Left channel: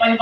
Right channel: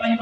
5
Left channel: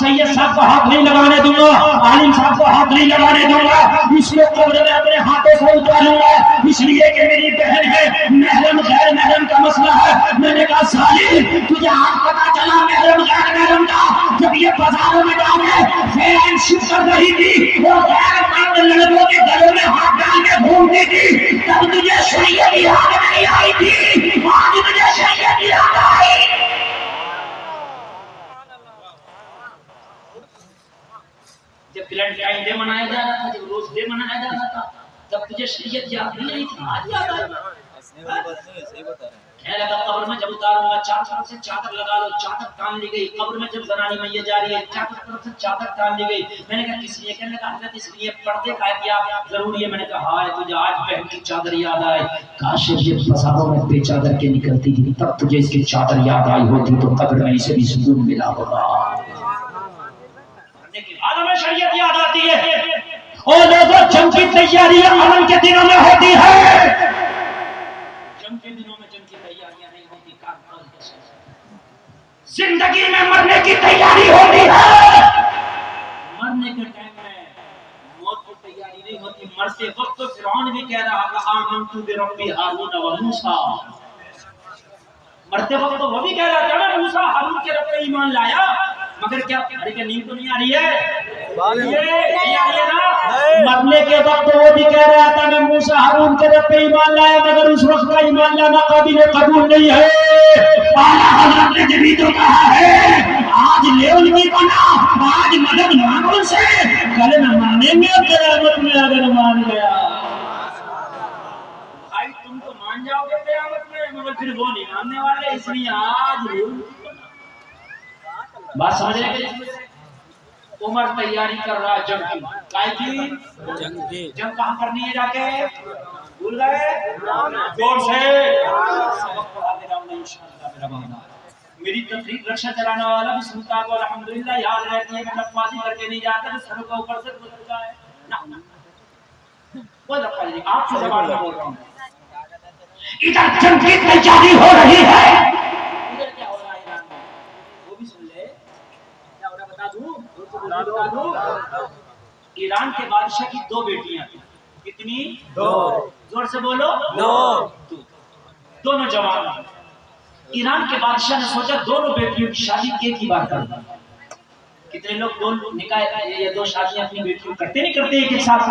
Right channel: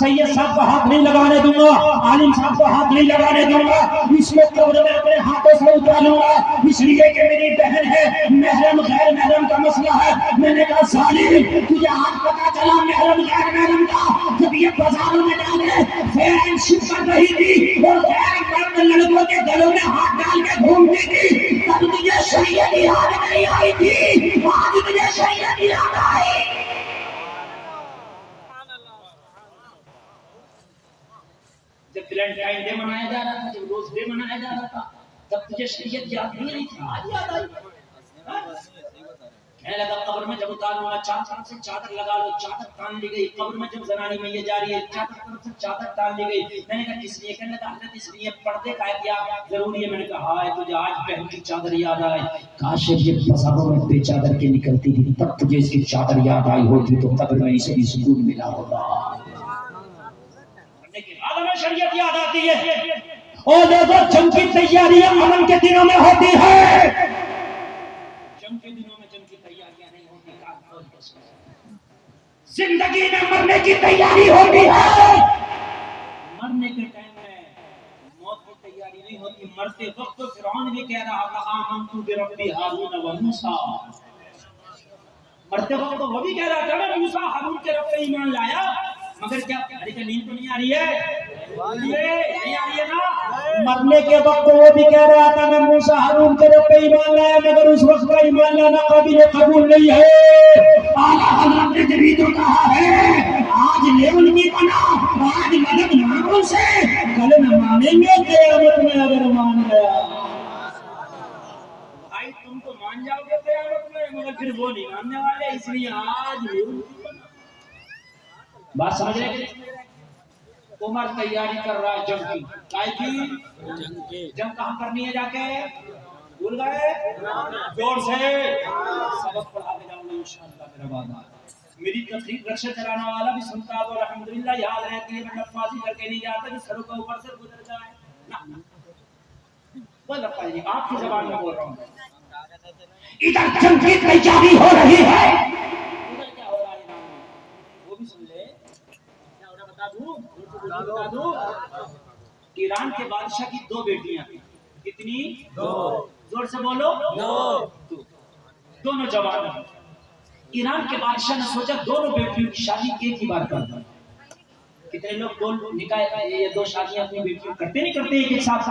سید صاحب کو ہاتھ نہیں لگانے دوں گا, عالم صاحب کو ہاتھ نہیں لگانے دوں گا, اس کو قبر میں اپنے ہاتھوں سے اتاروں گا, اس لیے کہ میری بہن ہے. محرم غیر محرم کا مسئلہ ہے. میں نے کہا ظالم تجھے آج پتا چلا محرم غیر محرم کا جب یہ بازاروں میں جا کے فین شپ کر رہی تھی اور غیر محرم لڑکوں کے گلوں میں ہاتھ ڈال کے گھومتی تھی تب تجھے شریعت کی یاد نہیں آئی تھی, آج تجھے شریعت کی یاد آئی. جب ویلنٹائن ڈے منایا جا رہا تھا, جب روز ڈے منایا جا رہا تھا, تب تجھے شریعت یاد نہیں آئی تھی, آج یاد آئی. کہنے لگا قبر میں جب اتاروں گا چار طرف سے چادر لگا لو, چادر تان لی گئی. قبر میں جب زنانی میت جا رہی ہے چار طرف سے چادر تان لی گئی. میں نے کہا کس لیے؟ کہنے لگا حضرت اس لیے پردے کا کیا ضروری ہے. میں نے کہا ہائے تجھے آج بہن کی چادر یاد آئے, کاش یہ بازاروں میں بے چادر کے نکلتی تھی تب تجھے اس کی چادر یاد آئی ہوتی تو قبر میں اسے بھی سکون ملا ہوگا. آج ہمیں شریعت یاد آتی ہے اور لوگوں جنگ کی تیاری عمل کے دنوں میں ہوتی ہے. جنگ کے دنوں میں جنگ کی تیاریاں نہیں ہوتی, زندگی میں مرنے کی تیاری ہوتی ہے. مرنے کے ٹائم میں موت کی تیاری نہیں ہوتی. مرتے وقت تو فرعون بھی کہہ رہا تھا آمنت برب ہارون و موسیٰ. مرتے وقت تو وہ بھی کہہ رہا تھا نا موسیٰ ہارون کے رب پہ ایمان لایا, مگر کیا ارے کہ نیند تو نہیں آ رہی ہے, یہ نہیں آ رہی ہے نا. مرنے کے وقت وہ بھی کہہ رہا تھا میں موسیٰ ہارون کے رب پہ ایمان لایا, مگر اس وقت کا ایمان لانا قابل قبول نہیں ہے. اعلیٰ حضرت نے جبھی تو کہا ہے آج لیون کی بنا, آج مدد مانگوں سے, کل نہ مانیں گے قیامت میں اگر مان گیا. بھائی تم تو مان جاؤ گے قیامت میں, مگر پھر وہ نہیں ماننے والے, اس لیے آج بات سمجھ رہے ہیں. عمر تیاری کر رہا ہے جنگ کی. کائے کی جنگ کہاں کرنی ہے جا کے بھول گئے؟ زور سے سبق پڑھا دے رہا ہوں انشاءاللہ میرا بانا. میری تفریح رکشہ چلانے والا بھی سنتا تو الحمدللہ یاد رہتی ہے. میں لفظی کر کے نہیں جاتا سر کے اوپر سے گزر جائے نا, کوئی لفظ نہیں, آپ کی زبان میں بول رہا ہوں. ادھر جنگ کی تیاری ہو رہی ہے, ادھر کیا ہو رہا ہے ایران میں وہ بھی سن لے. کیا ہو رہا بتا دوں. ایران کے بادشاہ کی دو بیٹیاں تھیں. کتنی؟ دو. زور سے بولو. دونوں جوان. ایران کے بادشاہ نے سوچا دونوں بیٹیوں کی شادی ایک ہی بار کرنا. کتنے لوگ دو نکاح یا دو شادیاں اپنی بیٹیوں کرتے نہیں کرتے ایک ساتھ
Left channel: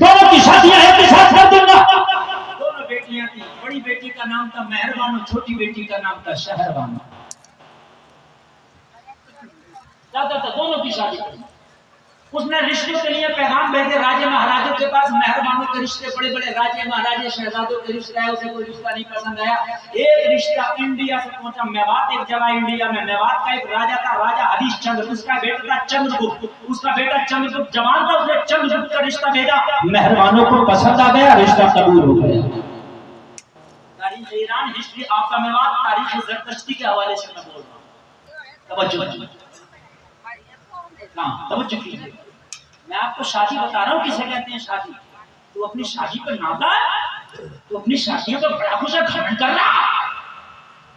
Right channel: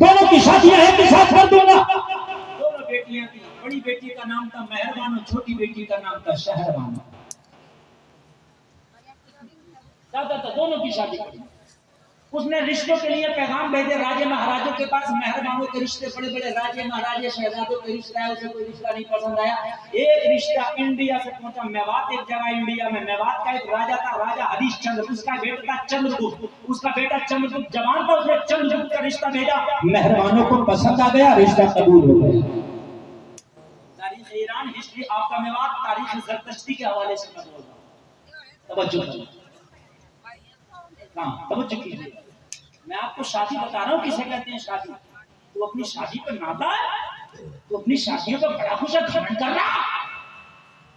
دونوں کی شادیاں ایک ہی ساتھ کر دوں گا. دونوں بیٹیاں تھیں. بڑی بیٹی کا نام تھا مہربانو, چھوٹی بیٹی کا نام تھا شہربانو. دونوں کی شادی. اس نے رشتوں کے لیے پیغام بھیجے راجے مہاراجوں کے پاس. مہربانوں کے رشتے, بڑے بڑے راجے مہاراجے شہزادوں کے رشتے آئے, اسے کوئی رشتہ نہیں پسند آیا. ایک رشتہ انڈیا سے پہنچا, میوات ایک جگہ انڈیا میں. میوات کا ایک راجا تھا, راجا ہریش چندر. اس کا بیٹا تھا چندر گپت. اس کا بیٹا چندر گپت جوان تھا, اس نے چندر گپت کا رشتہ بھیجا. مہربانوں کو پسند آ گیا, رشتہ قبول ہو گیا. تاریخ Iran, history of the Mewat, تاریخ زرتشتی کے حوالے سے میں بول رہا ہوں. توجہ ہاں توجہ کیجیے. میں آپ کو شادی بتا رہا ہوں کسے کہتے ہیں شادی. تو اپنی شادی پہ نادا ہے, تو اپنی شادیوں کا بڑا خوش گھمنڈ کر رہا.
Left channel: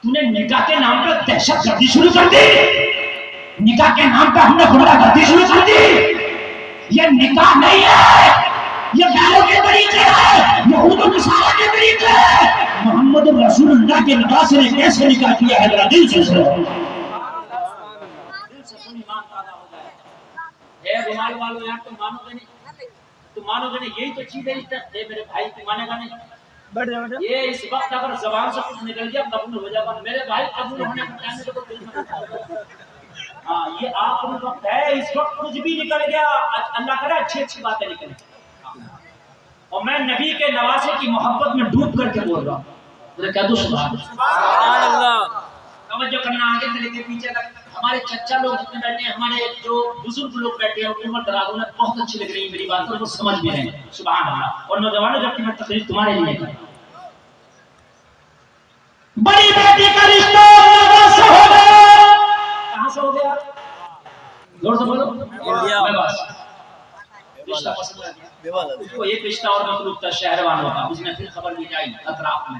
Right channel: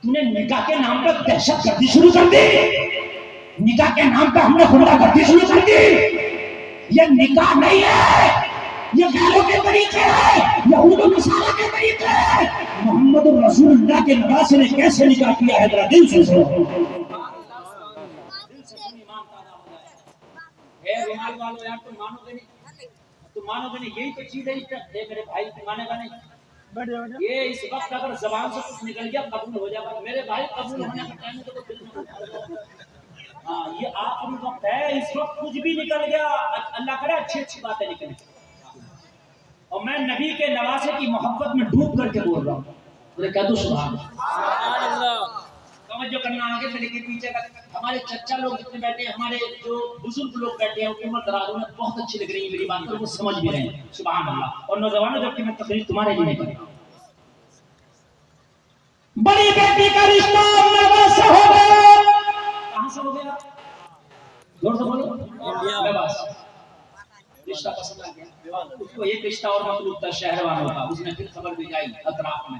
تو نے نکاح کے نام پر دہشت گردی شروع کر دی. نکاح کے نام پر ہم نے خدا گردی شروع کر دی. یہ نکاح نہیں ہے, یہ بیلوں کے طریقے ہیں, یہود و نصارہ کے طریقے ہیں. محمد رسول اللہ کے نکاح سے نے کیسے نکاح کیا ہے, ذرا دل سے سنو. رومال والو یار تم مانو گے نہیں, تم مانو گے نہیں. یہی تو چیز ہے. یہ میرے بھائی تم مانے گا نہیں. یہ اس وقت اگر زبان سے کچھ نکل گیا قبول ہو جائے گا میرے بھائی. قبول ہونے کے ٹائم تو دل میں ہاں یہ آخری وقت ہے. اس وقت کچھ بھی نکل گیا, اللہ کرے اچھی اچھی باتیں نکلیں. اور میں نبی کے نواسے کی محبت میں ڈوب کر کے بول رہا ہوں. میں کہہ دوں سبحان اللہ. توجہ کرنا آگے سے لے کے پیچھے تک. ہمارے چچا لوگ جتنے بیٹھے ہیں, ہمارے جو بزرگ لوگ بیٹھے ہیں, عمر دراز, انہیں بہت اچھی لگ رہی ہے میری بات, اور وہ سمجھ بھی رہے ہیں. سبحان اللہ. اور نوجوانوں جبکہ میں تقریر تمہارے لیے کر رہا ہوں. بڑی بیٹی کا رشتہ سے ہو گیا. کہاں سے ہو گیا؟ زور سے بولو. انڈیا میں. بس رشتہ پسند آ گیا. وہ ایک رشتہ اور مطلوب تھا شہروانوں کا. اس نے پھر خبر بھی جائی اطراف میں,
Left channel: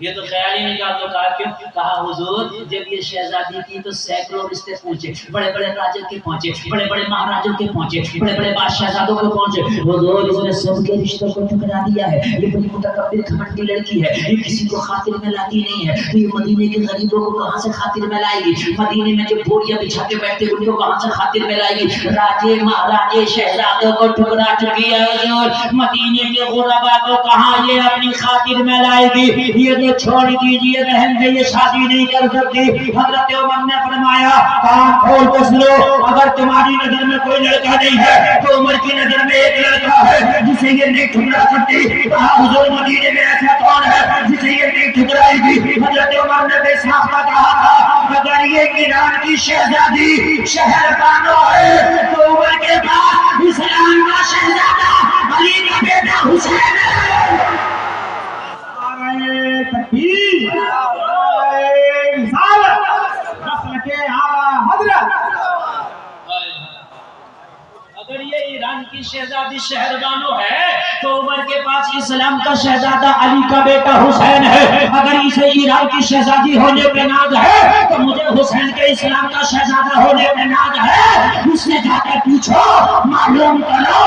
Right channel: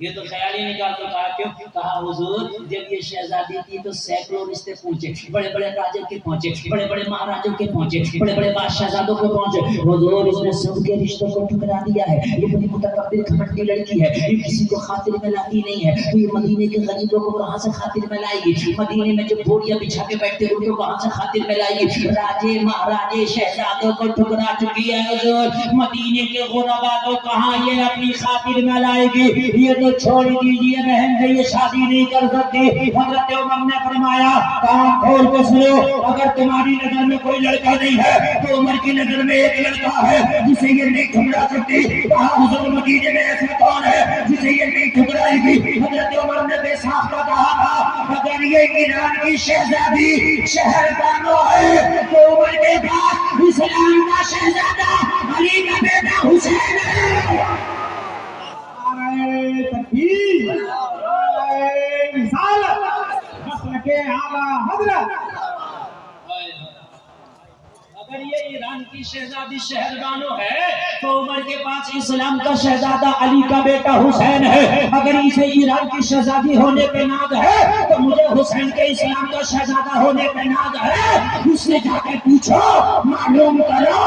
یہ تو خیال ہی نہیں کیا تو کہا کیوں؟ کہا حضور جب یہ شہزادی کی تو سینکڑوں رشتے پہنچے، بڑے بڑے راجوں کے پہنچے، بڑے بڑے مہاراجوں کے پہنچے، بڑے بڑے بادشاہزادوں کے پہنچے، حضور اس نے سب کے رشتوں کو ٹھکرا دیا ہے، یہ بڑی متکبر گھمنڈی لڑکی ہے، یہ کسی کو خاطر میں لاتی نہیں ہے، تو یہ مدینے کے غریبوں کو کہاں سے خاطر میں لائے گی؟ مدینے میں جو بوریاں بچھا کے بیٹھتے ان کو کہاں سے خاطر میں لائے گی؟ راجے مہاراجے شہزادوں کو ٹھکرا چکی ہے حضور، مدینے کے غربا کو کہاں یہ اپنی خاطر میں لائے گی؟ یہ تو چھوڑ دیجیے بہن سے یہ شادی نہیں کر سکتی۔ حضرت عمر نے فرمایا کان کھول کے سنو، اگر تمہاری نظر میں کوئی لڑکا نہیں ہے تو عمر کی نظر میں ایک لڑکا ہے جسے یہ نہیں ٹھکرا سکتی۔ کہا حضور مدینے میں ایسا کون ہے جسے یہ نہیں ٹھکرائے گی؟ حضرت عمر نے بے ساختہ کہا تھا اگر یہ ایران کی شہزادی شہر بانو ہے تو عمر کے بعد اسلام کا شہزادہ علی کا بیٹا حسین ہے۔ تکبیر، رسالت، نسل کے اعلیٰ حضرت۔ اگر یہ ایران کی شہزادی شہربانو ہے تو عمر کے پاس اسلام کا شہزادہ علی کا بیٹا حسین ہے۔ اگر اسے ایران کی شہزادی ہونے پہ ناز ہے تو مجھے حسین کے اسلام کا شہزادہ ہونے پہ ناز ہے۔ اس سے جا کر پوچھو، معلوم کرو،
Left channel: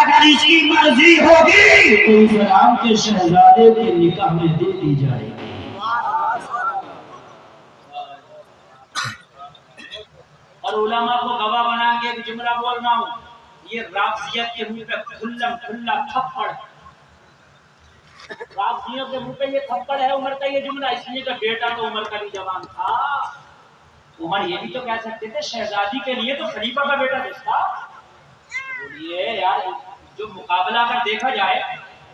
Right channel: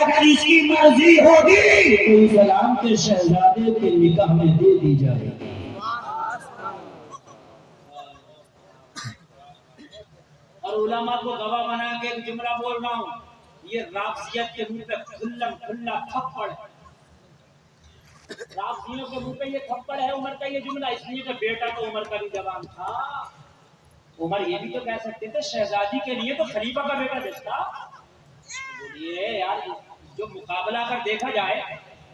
اگر اس کی مرضی ہوگی تو اسلام کے شہزادے کے نکاح میں دے دی جائے گی۔ اور علماء کو گواہ بنا کے ایک جملہ بول رہا ہوں، یہ رافضیت کے منہ پہ کھلا تھپڑ، رافضیوں کے منہ پہ یہ تھپڑ ہے عمر کا یہ جملہ، اس لیے کہ بیٹا تو عمر کا بھی جوان تھا۔ عمر یہ بھی تو کہہ سکتے تھے شہزادی کے لیے تو خلیفہ کا بیٹا رشتہ۔ بولیے یار جو مقابلہ اگر دیکھا جائے،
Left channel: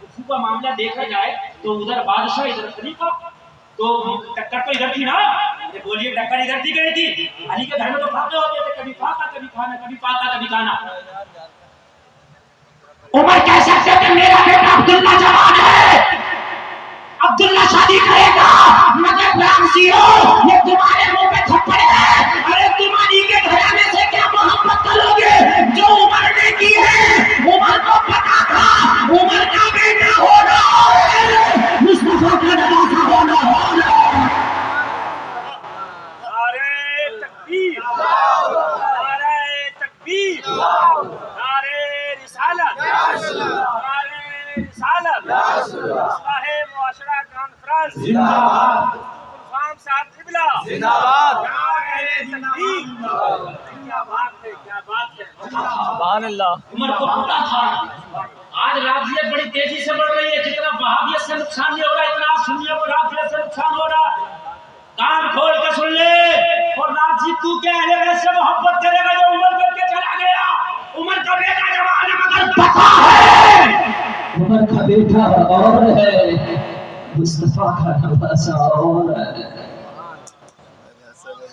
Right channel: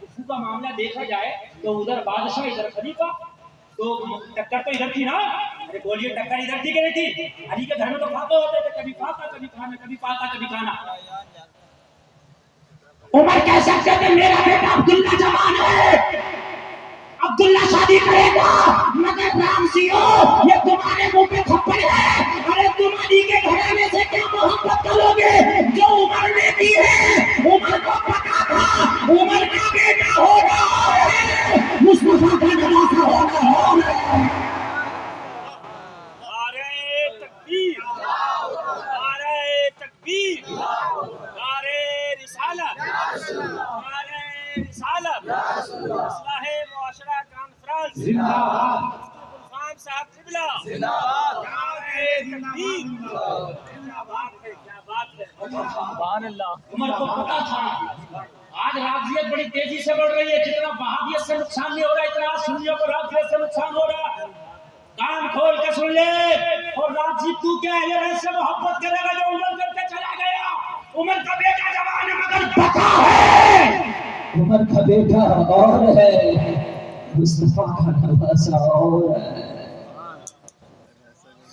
کفو کا معاملہ دیکھا جائے تو ادھر بادشاہ ادھر خلیفہ، تو ٹکر تو ادھر تھی نا؟ بولیے ٹکر ادھر تھی کہ نہیں تھی؟ علی کے گھر میں تو کھاتے ہوتے تھے، کبھی پاکا کبھی کھانا، کبھی پاکا کبھی کھانا۔ عمر کہہ سکتے تھے میرا بیٹا عبداللہ جوان ہے، عبداللہ شادی کرے گا، مگر رامزیو یہ تمہارے منہ پہ تھپڑ ہے۔ ارے تم علی کے گھرانے سے کیا محبت کرو گے جو عمر نے کی ہے؟ عمر کو پتا تھا عمر کا بیٹا ہونا ہے، مصطفیٰ کا نواسا ہونا ہے۔ نعرہ تکبیر، نعرہ تکبیر، نعرہ رسالت، نعرہ رسالت، اصلاح معاشرہ کانفرنس زندہ باد، غلام صاحب قبلہ زندہ باد، نعرہ تکبیر، کیا بات ہے، کیا بات ہے، سبحان اللہ۔ عمر کو پتا تھا آج رافضیت بڑی تیزی سے بڑھ رہی ہے، جتنا وہابیت سے نقصان نہیں ہو رہا اتنا سنیوں کو رافضیت سے نقصان ہو رہا۔ کان کھول کے سن لے، اور رافضی تو کیا اہل بیت سے محبت کرے گا جو عمر کر کے چلا گیا؟ عمر کا بیٹا جوان ہے مگر پتا ہے عمر کا بیٹا اور ہے، مصطفیٰ کا نواسا اور ہے،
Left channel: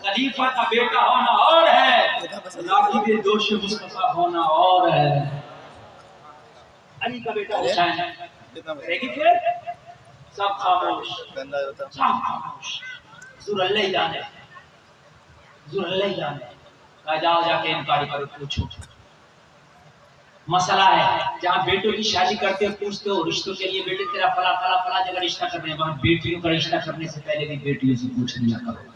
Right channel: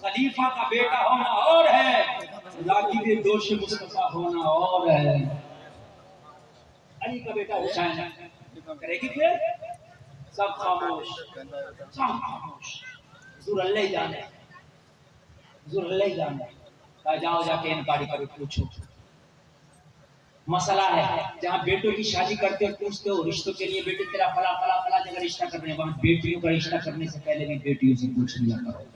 خلیفہ کا بیٹا ہونا اور ہے، راغب دوش مصطفیٰ ہونا اور ہے۔ علی کا بیٹا حسین ہے، کرے گی پھر؟ سب خاموش، سب خاموش، حضور اللہ جانے، حضور اللہ جانے۔ کہا جاؤ جا کے انکاری کرو، پوچھو مسئلہ ہے جہاں بیٹوں کی شادی کرتے ہو پوچھتے ہو رشتوں کے لیے بیٹے تیرا فلا فلا فلا جگہ رشتہ کرنے، وہاں بیٹیوں کا رشتہ کرنے سے پہلے بھی بیٹیوں سے پوچھ لیا کرو،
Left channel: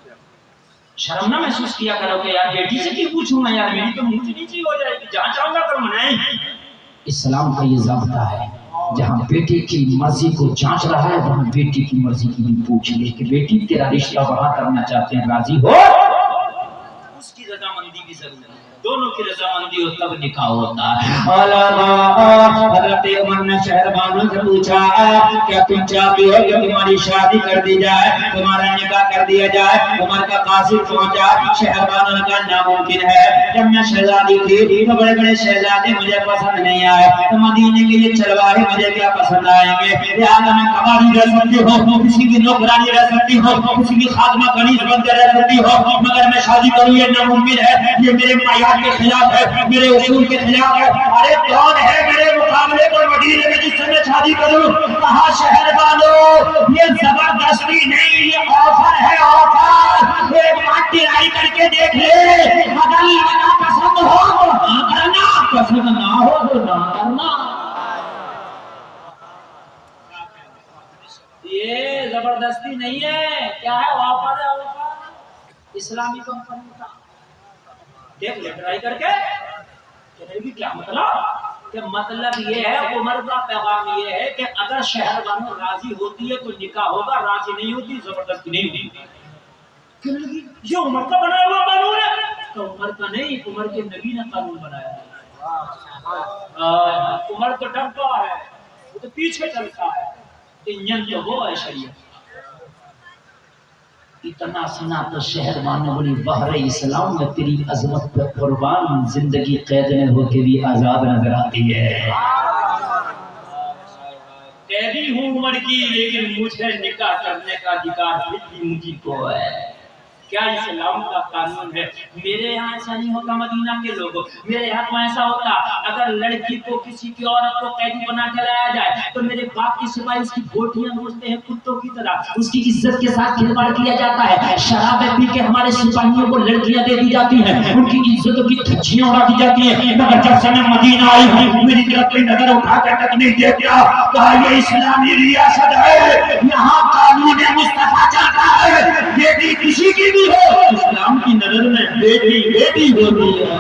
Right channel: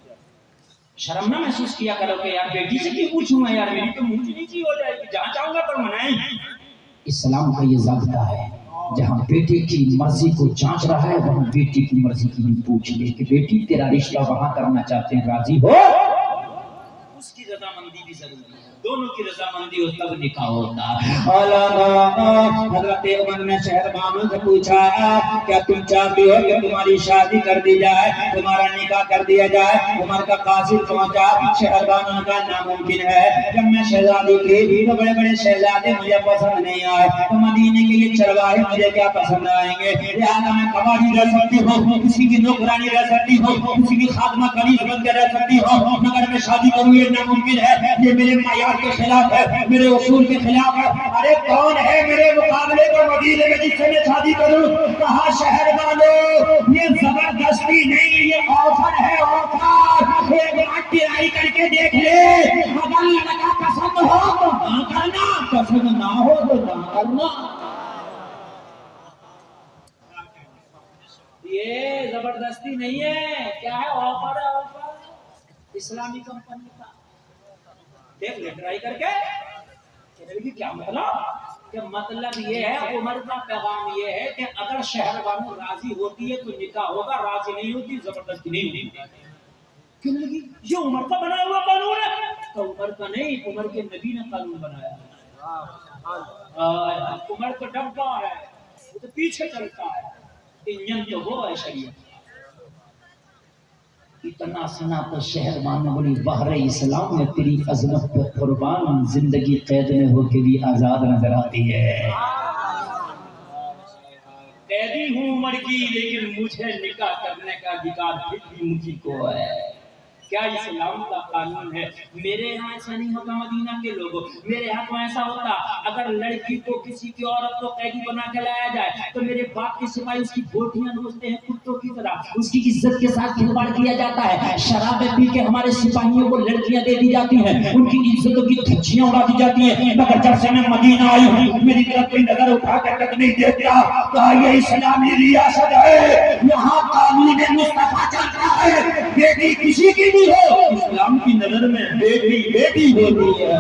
شرم نہ محسوس کیا کرو کہ یار بیٹی سے کیوں پوچھوں گا، یار میری تو منہ نیچی ہو جائے گی، جہاں چاہوں گا کروں نہیں۔ اسلام کا یہ ضابطہ ہے، جہاں بیٹے کی مرضی کو جانچ رہا ہے وہاں بیٹی کی مرضی کی بھی پوچھ لے کہ بیٹی تیرا رشتہ وہاں کرنا چاہتے ہیں، راضی ہو؟ اس کی رضامندی بھی ضروری ہے، دونوں کی رضامندی ہو تب نکاح ہوتا ہے۔ حضرت عمر نے شہربانوں سے پوچھا کیا تم چاہتے ہو کہ تمہاری شادی کر دی جائے، تمہارا نکاح کر دیا جائے؟ عمر کا قاصد پہنچا، شہربانوں نے کہا ناممکن ہے، جب میں شہزادی تھی تو بڑے بڑے شہزادے مجھے پسند نہیں آئے، تو مدینے کے یہ چرواہے مجھے کیا پسند آئیں گے؟ لہٰذا میں قباری رہ سکتی ہوں، کسی کی نوکرانی رہ سکتی ہوں، کسی کی خادمہ کنیز بن کے رہ سکتی ہوں، مگر میں شادی کروں یہ ناممکن ہے، یہ میرے معیار کے خلاف ہے، میرے اصول کے خلاف ہے۔ ارے کون ہے میرے مقابلے پر مدینے میں جس سے میں شادی کروں؟ کہا شہربانو یہ زبردستی نہیں، یہ آفر ہے، آفر، ایک بات ٹرائی کر کے دیکھ لے، اگر لڑکا پسند ہو تو ہاں کرنا، پسند نہ ہو تو نہ کرنا۔ یہ زبردست زبردستی نہیں ہے، کیا ہے آفر ہے، آفر اسلامی کمپنی کا، دیکھ لے ٹرائی کر کے چلے گی کیا مطلب کہ مطلب یہ ہے عمر کا پیغام یہ ہے کہ اگر شہر والوں راضی ہوتی ہے تو نکاح ہوگا، راضی نہیں ہوتی زبردستی نہیں ہوتی. کہنے لگی یہ عمر کا بنایا ہوا قانون ہے، تو عمر کا نہیں، عمر کے نبی نے قانون بنایا ہے. عمر تو ڈرتا ہے، وہ تو پیچھے چلتا ہے، انجن تو وہ ہے شریعت. اتنا سنا تو شہر والوں بولی بحر اسلام میں تیری عظمت پہ قربان، زندگی قید میں ہو کے بھی آزاد نظر آتی ہے. قیدی ہوں عمر کی لیکن مجھے نکاح کرنے کا ادھیکار پھر بھی مجھے کو ہے. کیا اسلام کا قانون ہے. میرے یہاں ایسا نہیں ہوتا، مدینہ کے لوگوں میرے یہاں تو ایسا ہوتا، اگر لڑکی کو کسی کی عورت کو قیدی بنا کے لایا جائے تو میرے باپ کے سپاہی اس کی بوٹیاں نوچتے ہیں کتوں کی طرح، اس کی عزت کے ساتھ کھلواڑ کیا جاتا ہے. شرابیں پی کے ہمارے سپاہیوں کو لڑکیاں دے دی جاتی ہیں، ان کی عزتوں کی دھجیاں اڑا دی جاتی ہیں. مگر جب سے میں مدینہ آئی ہوں میری طرف کوئی نظر اٹھا کے تک نہیں دیکھتا. کہا یہ اسلامی ریاست ہے، یہاں قانون مصطفیٰ چلتا ہے، بیٹی کسی کی بھی ہو اسلام کی نظر میں بیٹی بیٹی ہوتی ہے.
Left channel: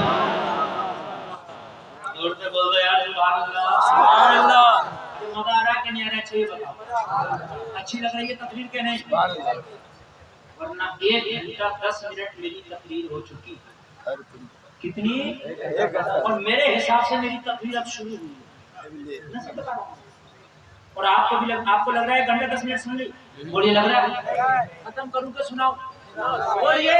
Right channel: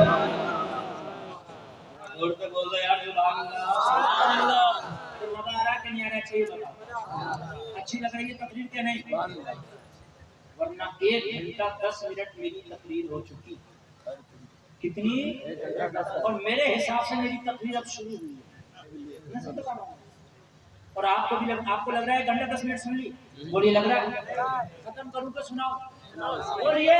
اور سے بول دو یار سبحان اللہ سبحان اللہ. مزہ آ رہا ہے کہ نہیں آ رہا؟ اچھی بتاؤ، اچھی لگ رہی ہے تقریر کے نہیں؟ ورنہ 1 گھنٹہ 10 منٹ میری تقریر ہو چکی. کتنی؟ اور میرے حساب سے میری تقریر اب شروع ہوئی ہے. اور آپ کو بھی آپ کو لگ رہا ہے گھنٹے 10 منٹ سن لی، اور یہ لگ رہا ہے ختم کروں کہ سناؤ؟ اور یہ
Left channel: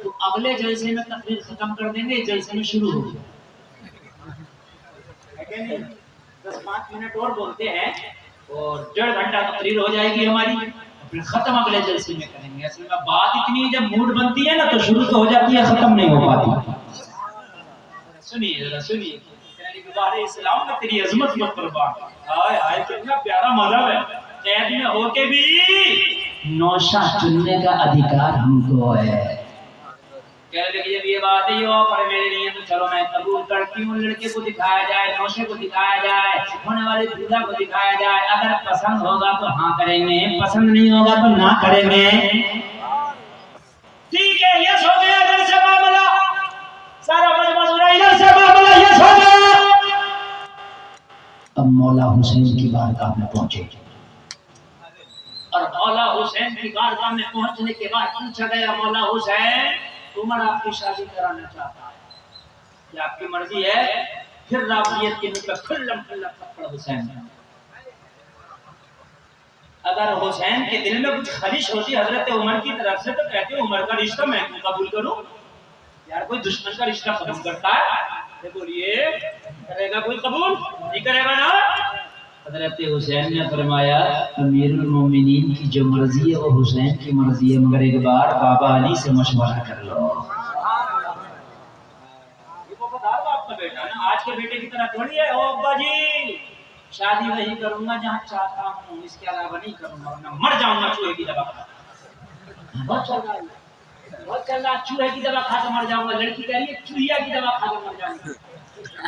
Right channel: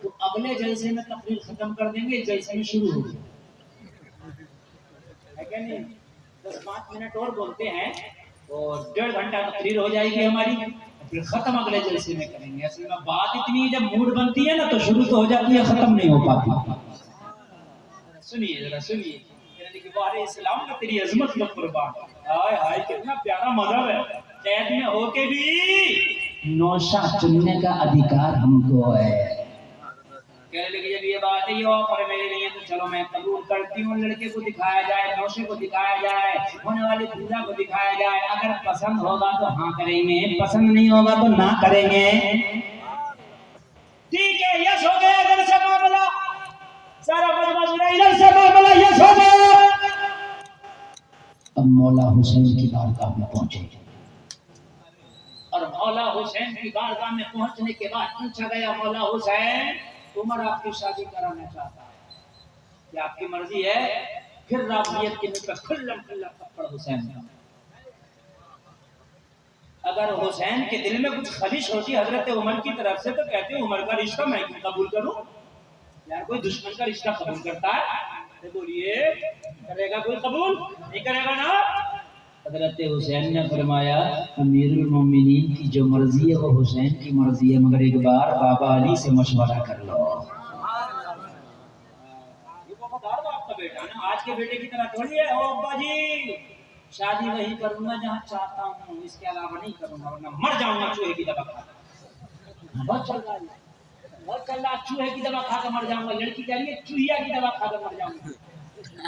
تو اگلے جلسے میں تقریر ختم کر دیں گے، جلسے میں شروع ہوگی. 10-5 منٹ اور بولتے ہیں اور 1.5 گھنٹہ تقریر ہو جائے گی ہماری، پھر ختم اگلے جلسے میں کریں گے. اصل میں بات اتنی جب موڈ بنتی ہے نا تو شروع تو ہو جاتی ہے، ختم نہیں ہو پاتی. سنیے ذرا سنیے، یعنی کہ بارے اسلام میں تیری عظمت مت قربان. ہائے ہائے کتنا پیارا مذہب ہے. قید میں ہو کے بھی نوشہ چننے کا ادھیکار ہم کو ہے. کہنے لگی جب یہ بات ہی ہو پر میرے لیے تو چلو میں قبول کرتی ہوں، لڑکے کو دکھایا جائے، نوشے کو دکھایا جائے، ہونے والے دودھا کو دکھایا جائے. اگر پسند ہوگا تو ہاں کریں گے، پسند نہیں ہوگا تو نہ کریں گے. ٹھیک ہے، یس ہو گیا ادھر سے معاملہ، سارا مجمع سنا ادھر سے معاملہ یس ہو گیا. اب مولا حسین کی بارگاہ میں پہنچے اور مولا حسین کی بارگاہ میں پہنچنے کے بعد پوچھا گیا مولا حسین عمر آپ کی شادی کرانا چاہتا ہے، یہ آپ کی مرضی ہے؟ پھر رابعیت کے منہ پہ کھلم کھلم تھپڑ حسین. اگر حسین کے دل میں کچھ خواہش ہوتی حضرت عمر کی طرف سے تو کہتے عمر کا رشتہ میں قبول کروں. یار کوئی دشمن کا رشتہ قبول کرتا ہے؟ بولیے کرے گا کوئی قبول؟ نہیں کرے گا نا. حضرت حسین نے فرمایا امیر المومنین کی جو مرضی ہے وہ حسین کی مرضی ہے، مگر ایک بار بابا علی سے مشورہ کر لو. یہ کو بتا دو آپ کا بیٹا نا آج کے بیٹے کی طرح تھوڑی ہے. او ابا جی شادی وہی کروں گا جہاں چاہتا ہوں، اس کے علاوہ نہیں کروں گا ورنہ مر جاؤں گا چوہے کی دوا. بہت چل رہا ہے، بہت چل رہا ہے، چوہے کی دوا کھا کر مر جاؤں گا. لڑکی کہہ رہی ہے چوہیا کی دوا کھا کر مر جاؤں گا،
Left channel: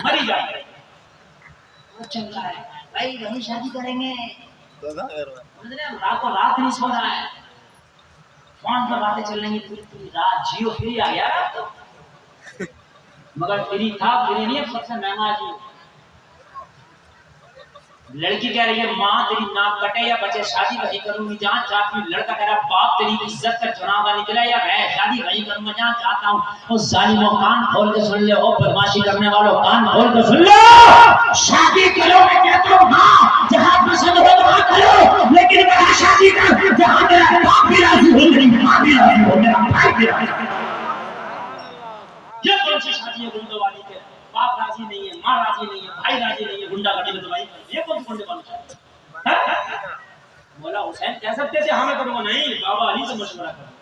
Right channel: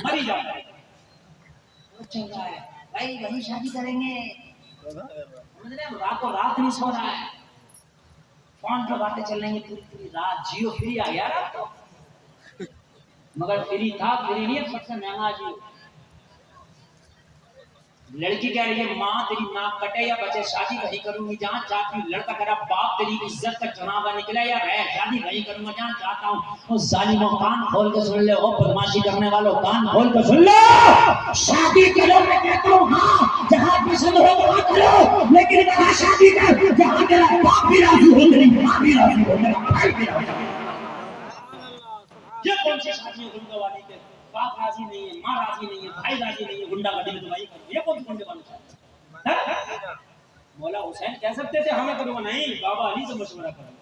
مر ہی جائے. بہت چل رہا ہے بھائی، وہی شادی کریں گے. راتوں رات نہیں سو رہا ہے، فون پر باتیں چل رہی ہیں پوری رات. جیو فری آ گیا مگر فری تھا، فری نہیں ہے، سب سے مہنگا جیو. لڑکی کہہ رہی ہے ماں تیری ناک کٹے یا بچے، شادی وہی کروں گی جہاں چاہتی ہوں. لڑکا کہہ رہا باپ تیری عزت کا چناوا نکلا یا رہ، شادی وہی کروں گا جہاں چاہتا ہوں. وہ ظالموں کان کھول کے سن لے، او بدماشی کرنے والوں کان کھول کے سن لو. شادی کرو میں کہتا ہوں ہاں جہاں پسند ہو وہاں کرو، لیکن وہاں شادی کر جہاں تیرا باپ بھی راضی ہو، تیری ماں بھی راضی ہو، تیرا بھائی بھی راضی ہو. یہ کون سی شادی ہے گنڈوں والی کے؟ باپ راضی نہیں ہے، ماں راضی نہیں ہے، بھائی راضی نہیں ہے، گنڈا گڈی میں تو بھائی یہ کون سی گنڈے والی؟ مولا حسین کہہ سکتے تھے ہمیں کروں گا، نہیں بابا علی سے مشورہ کرو.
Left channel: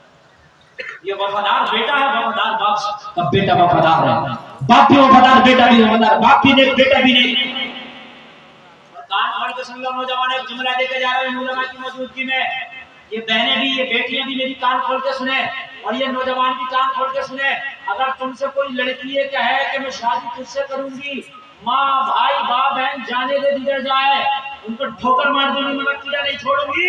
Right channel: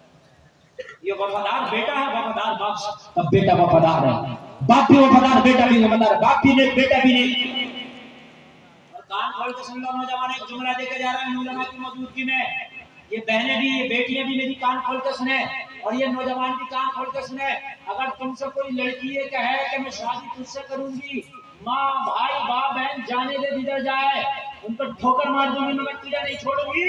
یہ وفادار بیٹا ہے، وفادار باپ سے. اب بیٹا وفادار ہے، باپ بھی وفادار، بیٹا بھی وفادار، باپ بھی نہیں بیٹا بھی نہیں. کان کھول کے سن لو نوجوان، ایک جملہ دے کے جا رہے ہیں علماء کی موجودگی میں. یہ بہنیں بھی، یہ بیٹیاں بھی میری کان کھول کے سنیں اور یہ نوجوان بھی کان کھول کے سنیں. اگر تم سے کوئی لڑکی یہ کہے کہ میں شادی تجھ سے کروں گی، ماں بھائی باپ بہن جانے دے جدھر جائے ان کو ٹھوکر مار دوں گی مگر تجھے نہیں چھوڑوں گی.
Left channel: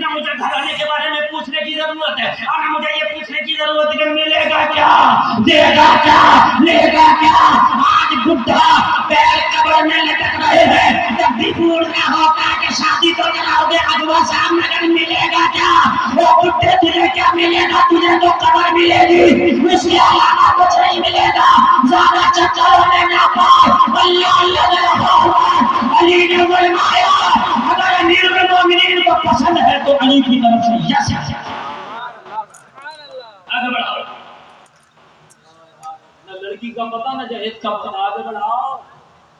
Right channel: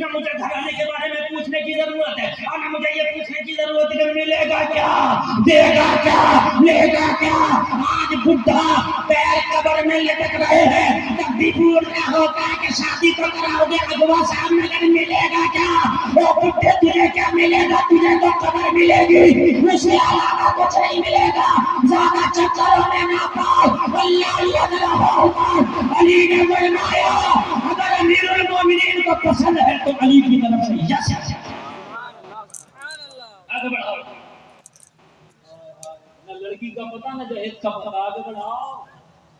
نہ مجھے گھرانے کے بارے میں پوچھنے کی ضرورت ہے، اور نہ مجھے یہ پوچھنے کی ضرورت ہے کہ ملے گا کیا، دے گا کیا، لے گا کیا۔ آج بڈھا پیر قبر میں لٹک رہے ہیں، جب بھی پوچھنا ہوتا ہے کہ شادی تو کراؤ گے اغوا صاحب نگر ملے گا کیا، وہ بڈھے تجھے کیا ملے گا، تجھے تو قبر ملے گی، اس کے علاوہ کچھ نہیں ملے گا۔ زیادہ چکروں میں نہ پاؤ، اللہ اللہ نے رہا ہوا۔ علی نے فرمایا اگر امیر المومنین کو پسند ہے تو علی کی طرف سے یس ہے۔ آگے بڑھاؤ، نہ لڑکی کا پتہ نہ جہیز کا پتہ، آگے بڑھاؤ۔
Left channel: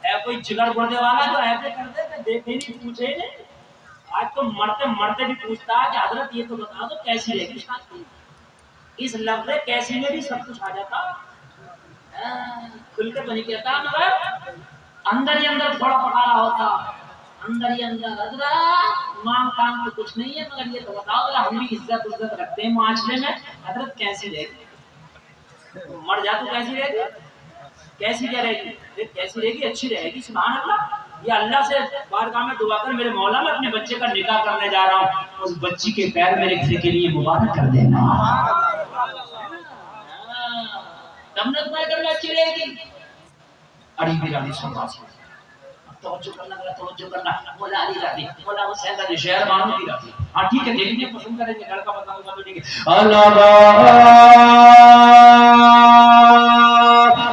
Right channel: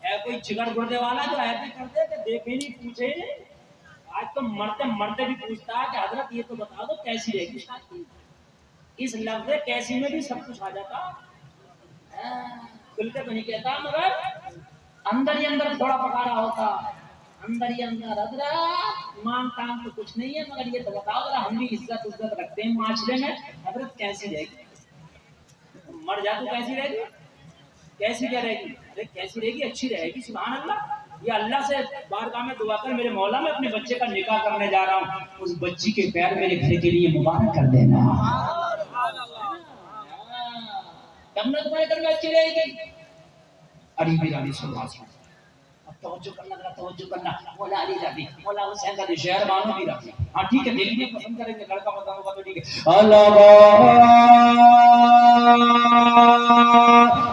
ہے کوئی جگر بڑھنے والا جو ایسے کرتے کہ دیکھے نہیں پوچھے نہیں، آج تو مرتے مرتے بھی پوچھتا ہے کہ حضرت یہ تو بتا دو کیسی رہے گی شادی۔ اس لفظ کیسی میں بھی سب کچھ آ جاتا، کھل کے تو نہیں کہتا، مگر اندر ہی اندر تھوڑا پکارا ہوتا، اندر ہی اندر حضرت مانگ کام تو کچھ نہیں ہے، مگر یہ تو بتاؤ ذرا ہم بھی عزت رکھتے ہیں معاشرے میں، حضرت کیسی رہے گی، مر جا تو کیسی رہے گی، کیسی رہے گی، کیسی رہے گی، اچھی رہے گی۔ سبحان اللہ، یہ اللہ سے بارگاہ میں دعا کر میرے مولا میں اپنے بچے کا نکاح کرنے جا رہا ہوں، اس بچی کے پیر میرے گھر کے لیے مبارک کر دینا، تب نہ تمہارے گھر میں اچھی رہے گی۔ اڑی بھی رانی سن رہا ہے، توجہ کرنا ذرا توجہ کرنا، مولا علی راضی، مولا حسین راضی، شہر مانو بھی راضی۔ ہاں ٹھیک ہے، دل میں پسند کریں گے، لڑکا پسند ہوگا تو ٹھیک ہے۔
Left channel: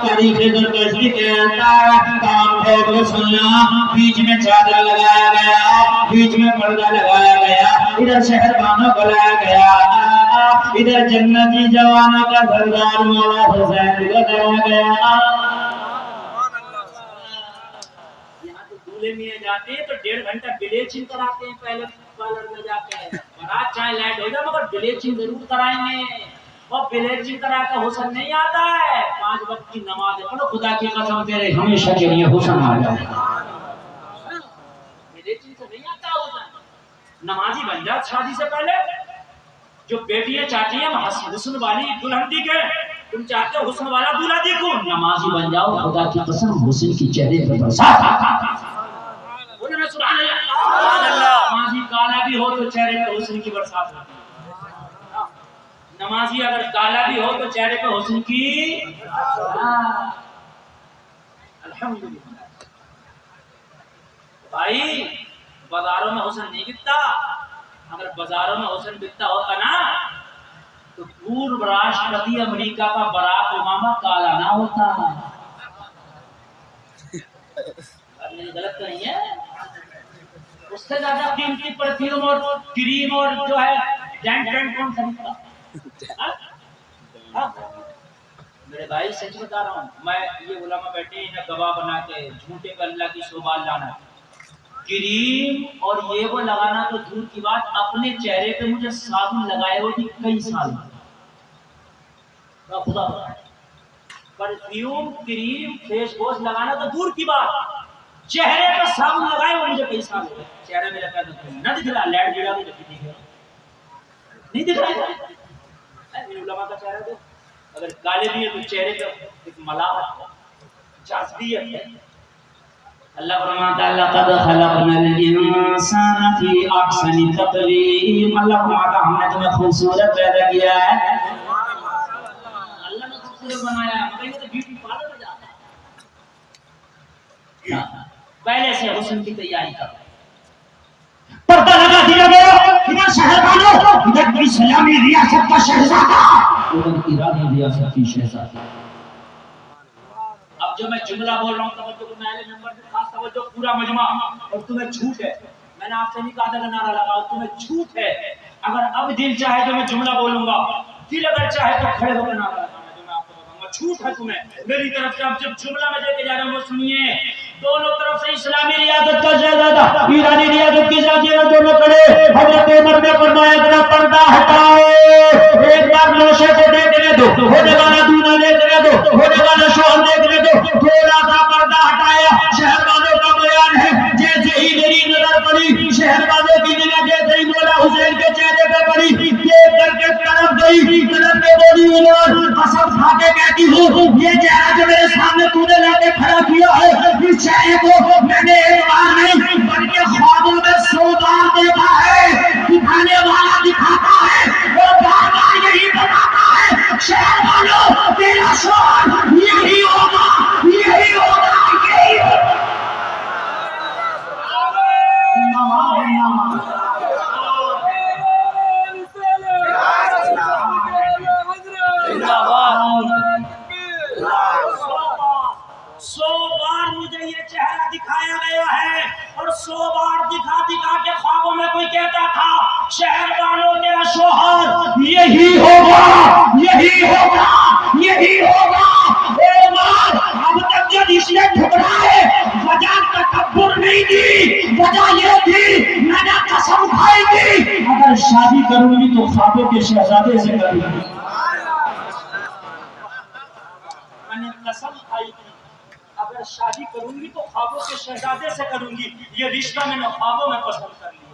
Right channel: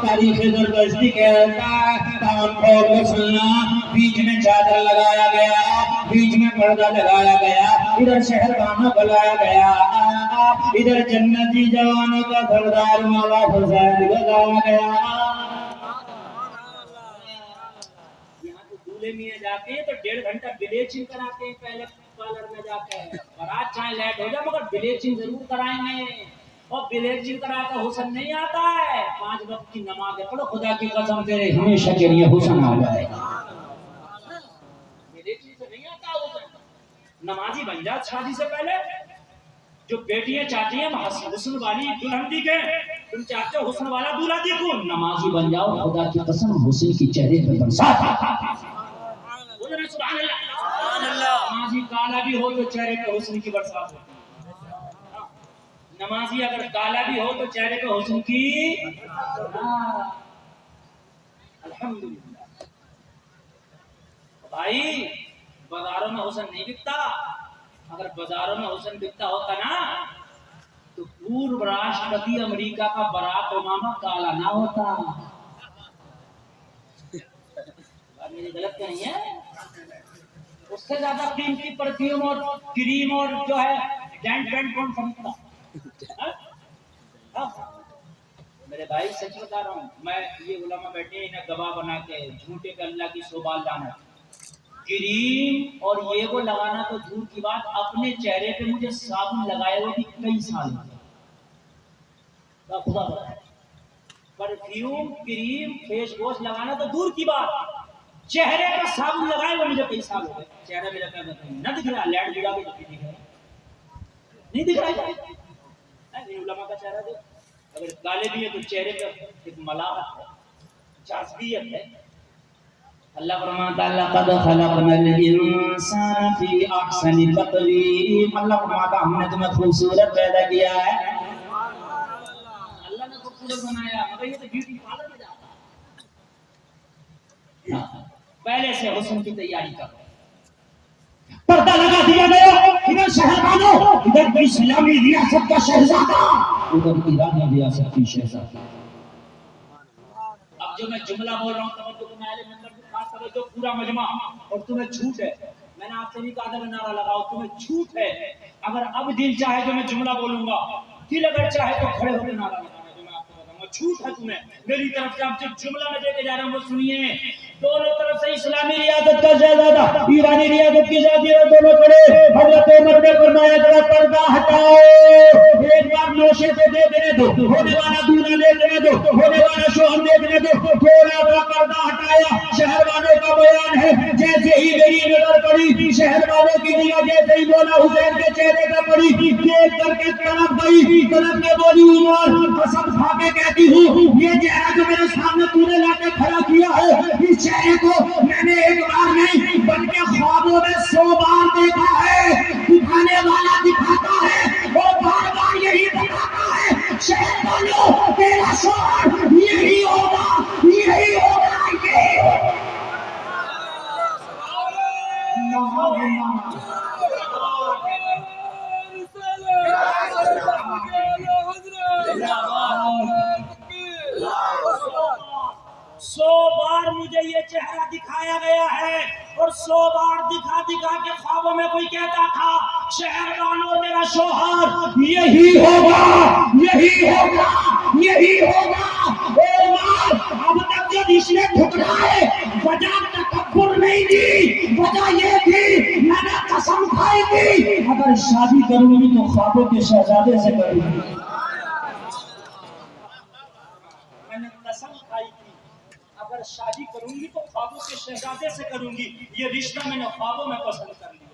تاریخ زرتشتی کہتا ہے کام پھیر کے سننا، بیچ میں چادر لگایا گیا، بیچ میں پردہ لگایا گیا، ادھر شہر بانو بلایا گیا، ادھر جنتی جوانوں کا سردار مولا حسین کو لایا گیا۔ میں جاتے ہیں تو 1.5 گھنٹہ بلیچنگ کراتے ہیں پہلے پارلر میں جا کے، بارات چاہے لیٹ ہو جائے مگر بلیچنگ ضرور کرائیں گے، اور بلیچنگ کرا کے حسن نہیں آتا ہے، 5 وقت کی نماز پڑھو، خدا کی قسم تیرے ہمیشہ کے لیے حسن آ جائے گا، بلیچنگ سے نہیں آتا حسن۔ نمازی بن جا شادی سے پہلے، جو بیٹیاں چاہتی ہیں حسن والی دلہن دیکھے، تم چاہتے ہو حسن والا دولہا دیکھو، نمازی بن جاؤ، خدا کی قسم حسن کی چہرے پر برسات۔ سبحان اللہ، نمازی کالا بھی ہو تو چہرے پہ حسن کی برسات ہوتی ہے، نمازی اگر کالا بھی ہو تو چہرے پہ حسن کی الحمدللہ۔ بھائی بازاروں میں حسن نہیں بکتا، اگر بازاروں میں حسن بکتا ہوتا نا تو پورو راشٹرپتی امریکہ کا براک اوباما کالا نہ ہوتا۔ میری غلط تو نہیں ہے، اس سے زیادہ قیمتی پرفیوم اور کریم اور جو ہے ڈینڈرن کون خریدتا؟ میرے بھائی سچ بتا رہا ہوں، میں یہ علماء بیٹھے ہیں گواہ بنا کے، جھوٹے پہ اللہ کی صوبال لانا، کریم اور یہ وہ لگانا تو دور کی بات، اپنے چہرے پہ مجھے صابن لگائے ہو بھی کئی سال، پرفیوم کریم فیس واش لگانا تو دور کی بات، چہرے پہ صابن لگائے وہ مجھے کئی سال ہوئے، چہرے میں لگا نہ دکھ رہا، لیٹ گڑا بھی نہیں دکھ رہا ہے، میرے علماء کا چہرہ دو، اگر کالے بھی ہیں تو چہرے پہ ایک ملاحت جاذبیت ہے۔ اللہ فرماتا ہے لقد خلقنا الانسان فی احسن تقویم، اللہ فرماتا ہم نے تمہیں خوبصورت پیدا کیا ہے، اللہ نے خوبصورت بنایا، مگر یہ تو بیوٹی پارلر میں جاتا ہے، پہلے سے حسن کی تیاری کرو، پردہ لگا دیا گیا، ادھر شہر بانو، ادھر اسلامی ریاست کا شہزادہ، ادھر ایرانی ریاست کی شہزادہ۔ اب جو میں جملہ بول رہا ہوں توجہ کرنا ہے، نمبر خاص توجہ، پورا مجمع، اور تمہیں جھوٹ ہے، میں نے آپ سے نہیں کہا تھا کہ نعرہ لگاؤ، تمہیں جھوٹ ہے، اگر اب دل چاہے تو میں جملہ بولوں گا، دل اگر چاہے تو کھڑے ہو کے نعرہ لگانا، جو میں آپ کو بتاؤں گا، جھوٹ ہے تمہیں میری طرف سے۔ اب جب جملہ میں دے کے جا رہا ہوں وہ سنیے، دونوں طرف سے اسلامی ریاست کا شہزادہ، ایرانی ریاست کی شہزادہ دونوں کھڑے، حضرت عمر نے فرمایا ذرا پردہ ہٹاؤ، ایک بار نوشے کو دیکھنے دو، ہونے والا دولہا دیکھنے دو، ہونے والا شوہر دیکھنے دو، تھوڑا سا پردہ ہٹایا، شہر والوں کا بیان ہے، جیسے ہی میری نظر پڑی، شہر والوں کی نگاہ جیسے ہی مولا حسین کے چہرے پہ پڑی، دیکھ کر کے طرف گئی، طرف کے بولی عمر قسم کھا کے کہتی ہوں یہ چہرہ جو میرے سامنے تو نے لا کے کھڑا کیا ہے، اس چہرے کو میں نے ایک بار نہیں بلکہ خوابوں میں 100 بار دیکھا ہے، سو بار مجھے یہ چہرہ دکھایا گیا ہے اور 100 بار دکھا دکھا کے خوابوں میں کوئی کہتا تھا شہر والوں تیرا شوہر یہی ہوگا یہی ہوگا یہی ہوگا۔ اے ماں، اب تک جو اس نے ٹھکرائے وجہ تکبر نہیں دی، وجہ یہ تھی میں نے قسم کھائی تھی اگر شادی کروں گی تو خوابوں کے شہزادے سے کروں گی۔ میں نے قسم کھائی تھی اگر شادی کروں گی تو خوابوں کے شہزادے سے کروں گی۔ یہ رشتہ میں نے خوابوں میں پسند کر لیا۔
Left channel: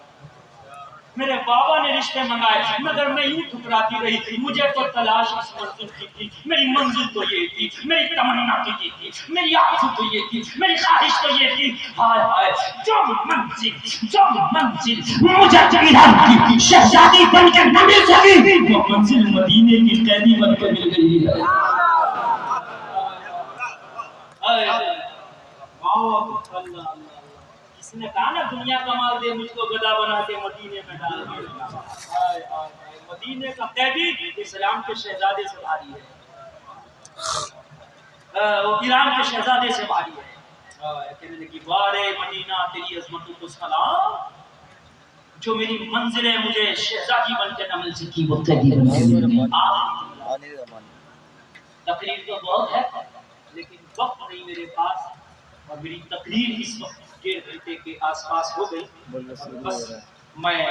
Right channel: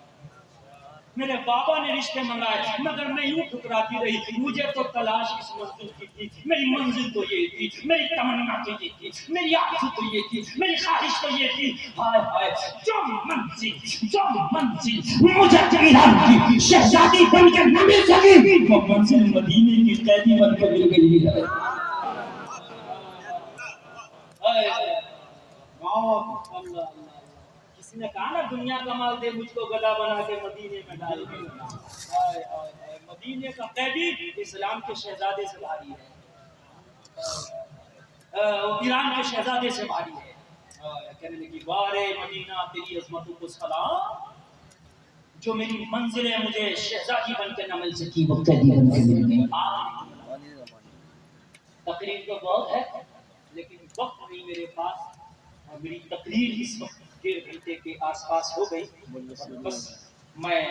میرے بابا نے رشتے منگائے مگر میں یوں ٹھکراتی رہی۔ مجھے تو تلاش اس منزل کی تھی، میری منزل تو یہ تھی، میری تمنا تو یہ تھی، میری آرزو تو یہ تھی، میری خواہش تو یہ تھی۔ ہائے ہائے، جو منزل مجھے جنت کی شہزادی بن کے نہ مل سکی، وہ منزل مدینے کی قیدی بن کے مل گئی ہے۔ کسی نے کہا نا دنیا کا مال دے مجھ کو گدا بنا کے مدینے میں ڈال دے۔ مدینے کا قیدی اسلام کے شہزادے سے بھاری ہے، ایران کے شہزادے سے بھاری ہے۔ کہنے لگی وارے مدینہ تیری عظمتوں کو سلام، جو میری منزل ہے مجھے شہزادی بن کے نہ مل سکی وہ قیدی بن کے مل گئی۔ تقریر تو بہت ہے لیکن وقت نہیں میرے پاس، اور میری تقریر اس وقت 1.5 گھنٹے کے آس پاس ہو گئی۔ بس میں